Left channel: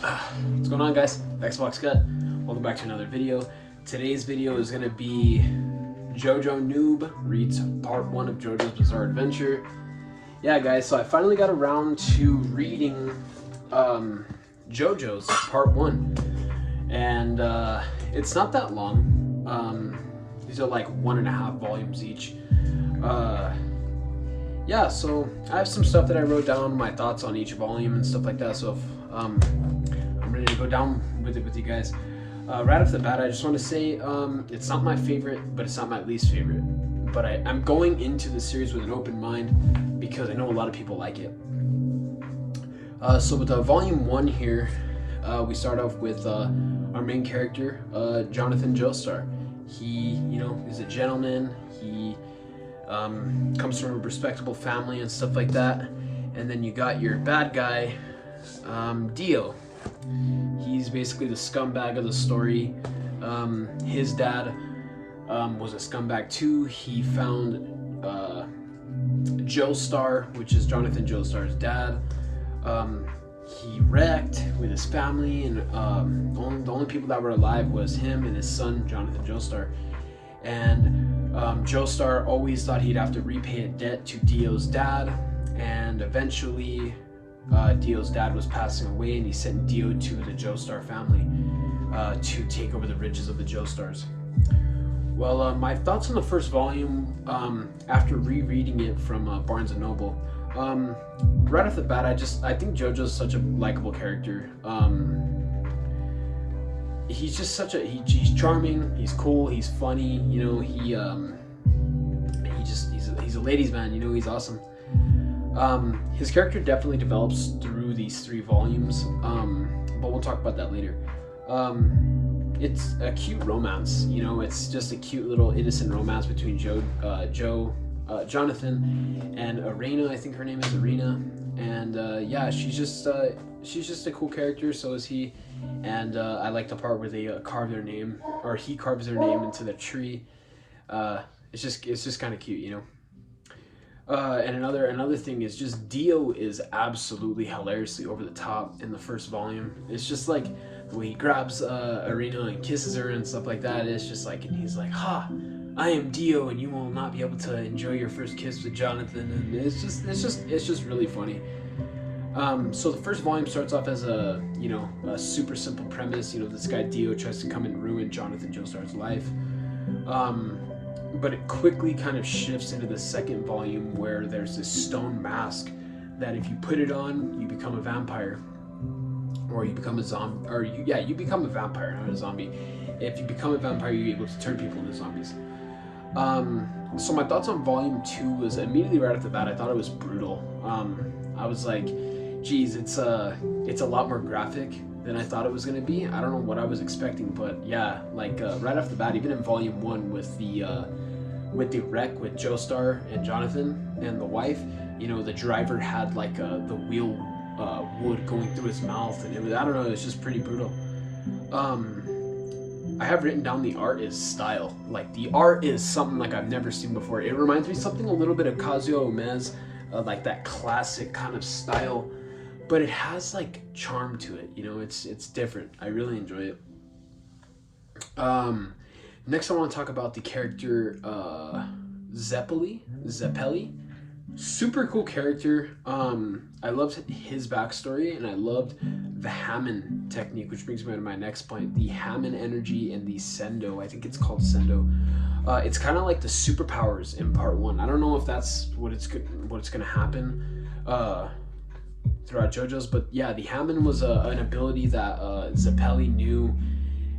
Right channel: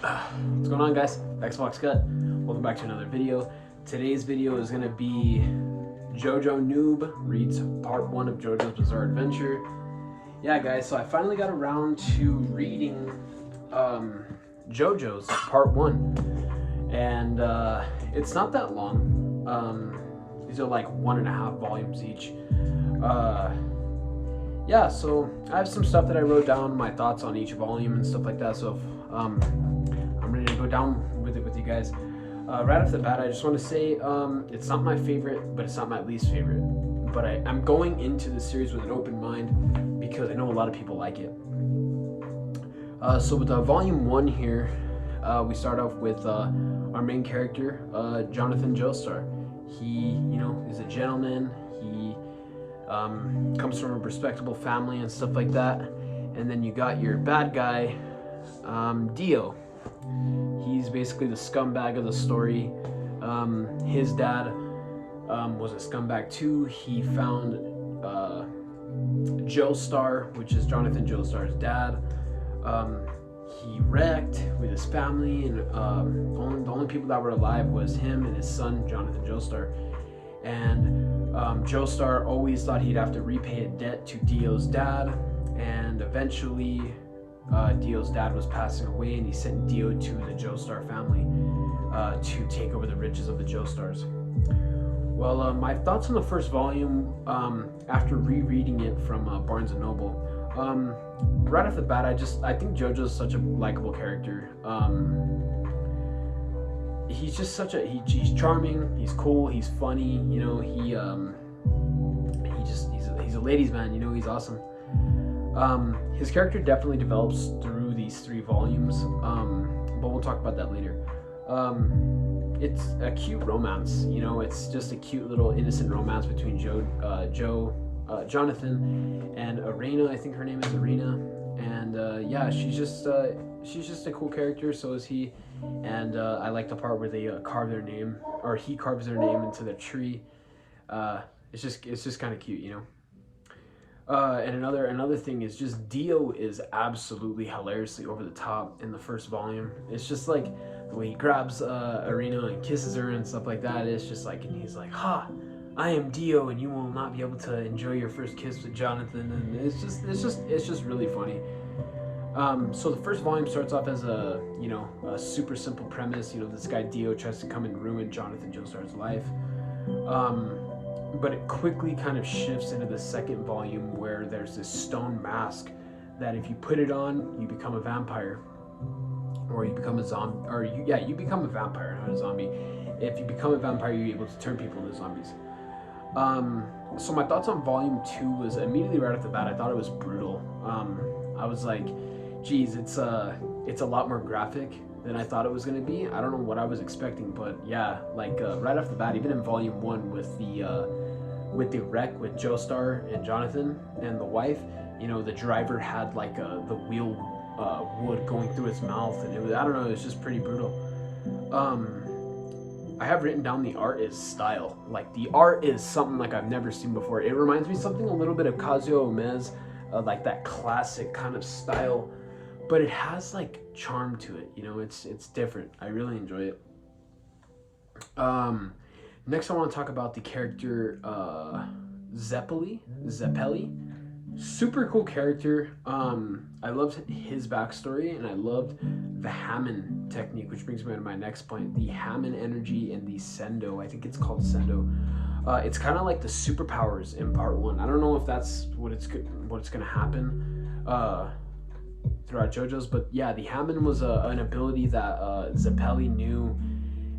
What's going on, guys? Xbox Cut. Welcome back to another video. Today's video is going to be Jojo Noob reads part 1 of Jojo's Bizarre Adventure. Yeah, guys, so I finally got around to reading Jojo's part 1. And it's not that long. These are like 1.5 volumes each. Yeah, so I have some stuff that I wrote down, my thoughts on each volume and stuff like that. So if, I'm ready to go down with it with you guys. Right off the bat, I just want to say it's not my favorite, but it's not my least favorite. But I'm going into the series with an open mind because I know a lot of people like it. So with volume 1 here, we start off with our main character, Jonathan Joestar. He, is a gentleman. He comes from a respectable family and stuff like that. And then you got your bad guy, Dio. He's basically the scumbag of the story. His dad was a scumbag too. He found Joestar, which is Jonathan Joestar's dad. He wrecked with his family, and the only people that were alive was him and his son, Jonathan Joestar. And Joestar always thought he'd have to repay a debt to Dio's dad, and eventually Dio's dad was passing away, and he sent Dio to the Joestar family to take over the riches of the Joestars. Well, my thoughts on the first volume after rereading it from Barnes & Noble. Right off the bat, I think Jojo's such a likable character. He's just he's charming, he's cool, he's funny, he's a ladies man, he's awesome. His character definitely develops through these 3 volumes, but we'll talk about that later. It's a cute romance, it's just a cute little innocent romance between Jonathan and Arena. I think her name is Arena, and yeah, she's just a cool character. So is he, and I like the part where they carve their name, or he carves their name into the tree. It's just kind of cute, And another thing is just Dio is absolutely hilariously over the top in the first volume. It's just like the way he grabs Arena and kisses her and stuff like that. It's just like, and he's like, "Ha, I am Dio, and you will not be able to enjoy your first kiss with Jonathan." And it's just really funny. So the first volume starts off as a super simple premise. This guy Dio tries to come and ruin Jonathan Joestar's life. But it quickly kind of shifts into the second volume where there's this stone mask that if you put it on, you become a vampire, or you become a zombie, or you become a vampire, not a zombie. If you become a vampire, you're able to turn people into zombies. So my thoughts on volume 2 was immediately right off the bat, I thought it was brutal. I was like, geez, it's a lot more graphic than I thought it was going to be. I don't know what I was expecting, but yeah, like right off the bat, even in volume 1 with the wreck with Joestar and Jonathan and the wife, the driver had like the wheel wood going through his mouth, and it was, I don't know, it was just pretty brutal. I have written down the art is style. Like, the art is something like I've never seen before. It reminds me something a little bit of Kazuo Ume's, like that classic kind of style, but it has like charm to it. It's different. I really enjoy it. Next I want to talk about the character Zeppeli. Super cool character. I loved his backstory, and I loved the Hammond technique, which brings me to my next point. The Hammond energy and the Sendo. I think it's called Sendo. It's kind of like the superpowers in part 1. I don't know if that's what's gonna happen throughout JoJo's, but yeah, the Hammond was an ability that Zeppeli knew,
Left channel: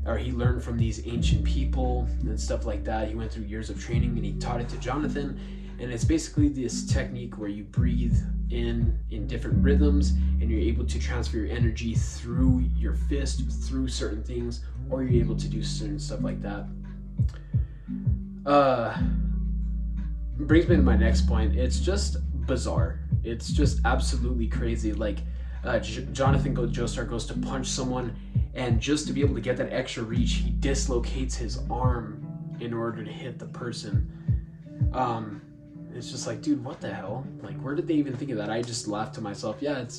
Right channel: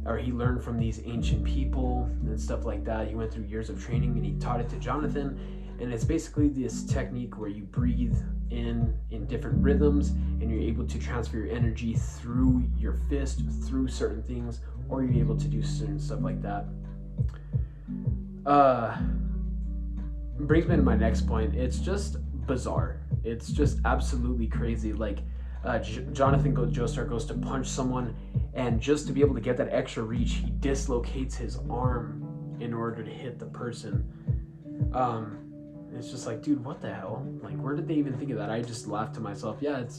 or he learned from these ancient people and stuff like that. He went through years of training, and he taught it to Jonathan. And it's basically this technique where you breathe in different rhythms, and you're able to transfer your energy through your fist, through certain things, or you're able to do certain stuff like that. Brings me to my next point. It's just bizarre. It's just absolutely crazy. Like, Jonathan Joestar goes to punch someone, and just to be able to get that extra reach, he dislocates his arm in order to hit the person. It's just like, dude, what the hell? Like, where did they even think of that? I just laughed to myself. Yeah, it's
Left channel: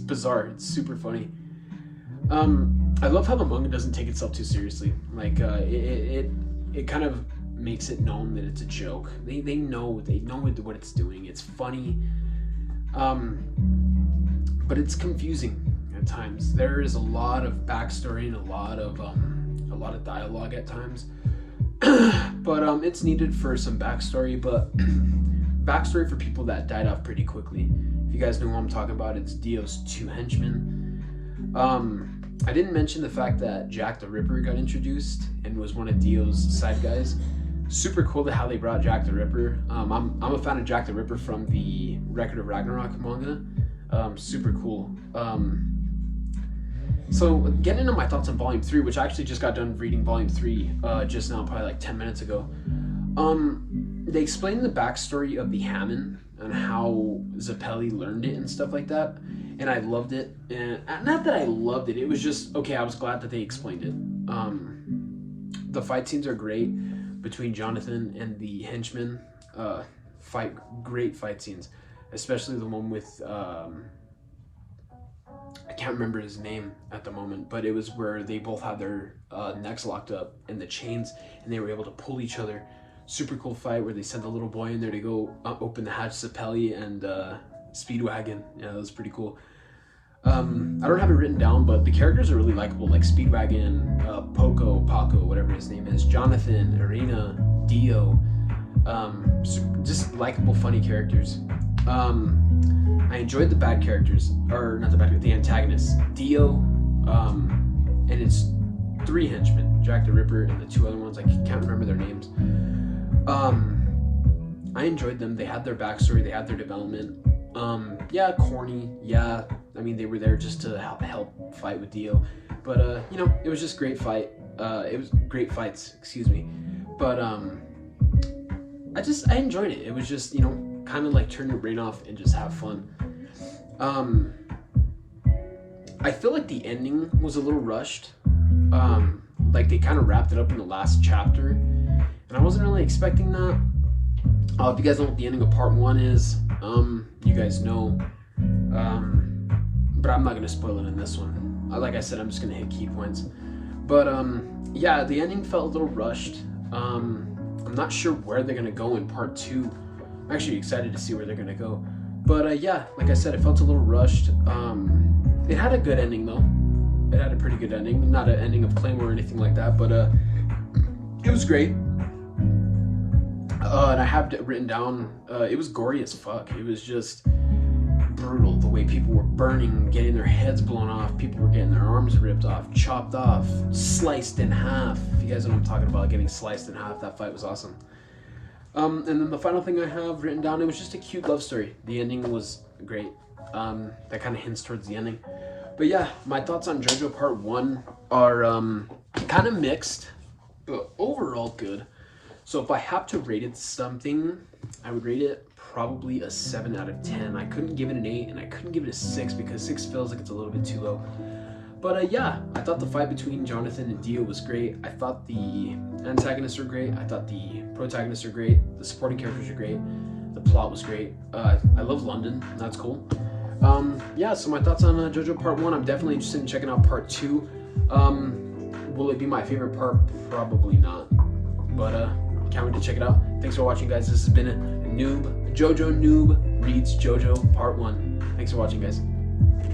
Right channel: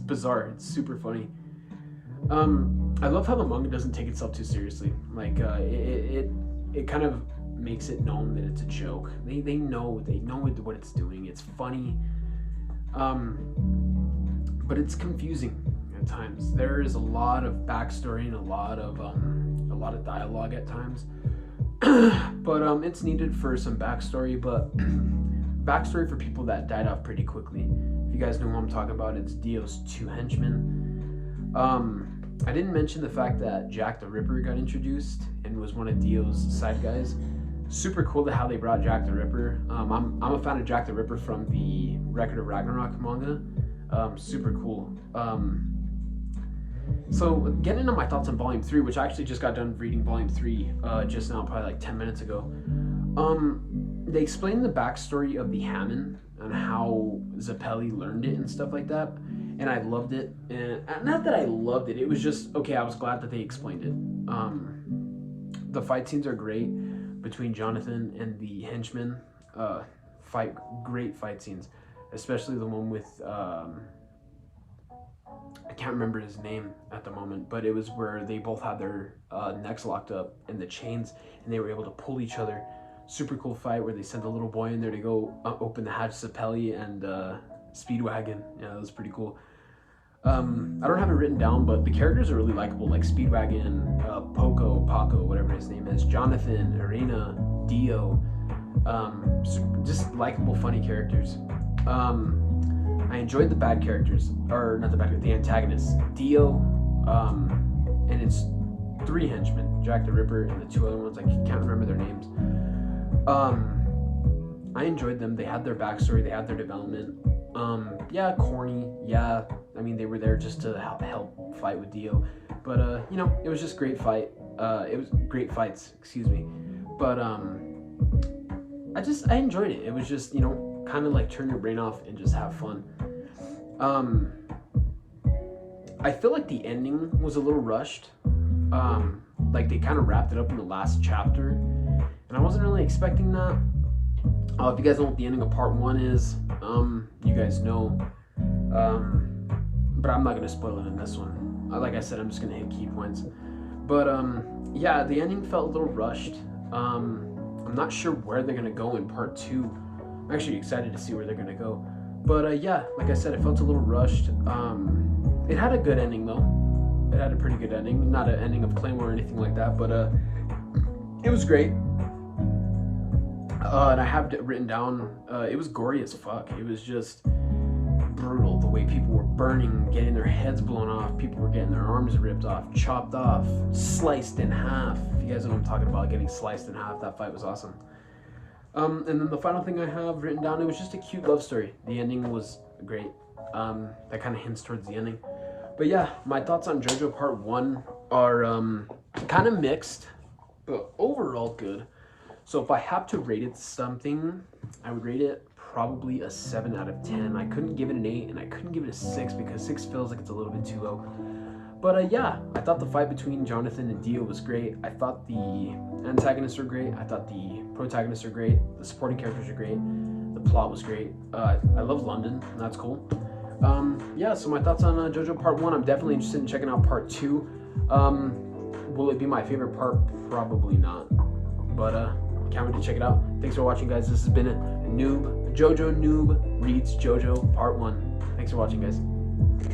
bizarre. It's super funny. I love how the manga doesn't take itself too seriously. Like it kind of makes it known that it's a joke. They know what it's doing. It's funny, but it's confusing at times. There is a lot of backstory and a lot of dialogue at times. But it's needed for some backstory, but backstory for people that died off pretty quickly. If you guys know who I'm talking about, it's Dio's 2 henchmen. I didn't mention the fact that Jack the Ripper got introduced and was one of Dio's side guys. Super cool to how they brought Jack the Ripper. I'm a fan of Jack the Ripper from the Record of Ragnarok manga. Super cool. So getting into my thoughts on Volume 3, which I actually just got done reading Volume 3 just now, probably like 10 minutes ago. They explained the backstory of the Hamon and how Zeppeli learned it and stuff like that. And I loved it. And not that I loved it, it was just, okay, I was glad that they explained it. The fight scenes are great between Jonathan and the henchmen. Great fight scenes. Especially the one with, I can't remember his name at the moment, but it was where they both had their necks locked up in the chains and they were able to pull each other. Super cool fight where they sent the little boy in there to go open the hatch to Zeppeli and Speedwagon. Yeah, that was pretty cool. I don't have it written down, but the characters are really likable, like Speedwagon, Paco, whatever his name is, Jonathan, Irina, Dio. Just likable, funny characters. I enjoyed the bad characters, or not the antagonists. Dio, and it's 3 henchmen, Jack the Ripper and the 2 other ones. I can't remember their names. I enjoyed them. They had their backstory, they had their development. Yeah, corny. Yeah, I mean, they were there just to help fight with Dio. But, you know, it was just great fight. It was great fights, excuse me. But, I enjoyed it. It was just, you know, kind of like turn your brain off and just have fun. I feel like the ending was a little rushed. Like they kind of wrapped it up in the last chapter, and I wasn't really expecting that. If you guys know what the ending of part 1 is, you guys know. But I'm not gonna spoil it in this one. Like I said, I'm just gonna hit key points. But yeah, the ending felt a little rushed. I'm not sure where they're gonna go in part 2. I'm actually excited to see where they're gonna go. But yeah, like I said, it felt a little rushed. It had a good ending though. It had a pretty good ending. Not an ending of Claymore or anything like that, but it was great. And I have it written down, it was gory as fuck. It was just brutal. The way people were burning, getting their heads blown off. People were getting their arms ripped off, chopped off, sliced in half. If you guys know what I'm talking about, getting sliced in half, that fight was awesome. And then the final thing I have written down, it was just a cute love story. The ending was great. That kind of hints towards the ending. But yeah, my thoughts on Jojo Part 1 are kind of mixed, but overall good. So if I have to rate it something, I would rate it probably a 7 out of 10. I couldn't give it an 8, and I couldn't give it a 6 because 6 feels like it's a little bit too low. But yeah, I thought the fight between Jonathan and Dio was great. I thought the antagonists were great. I thought the protagonists are great. The supporting characters are great. The plot was great. I love London, and that's cool. Yeah, so my thoughts on Jojo Part 1. I'm definitely interested in checking out Part 2. Will it be my favorite part? Probably not. But can't wait to check it out. Thanks for watching, guys. This has been a Jojo Noob Reads Jojo Part 1. Thanks for watching, guys.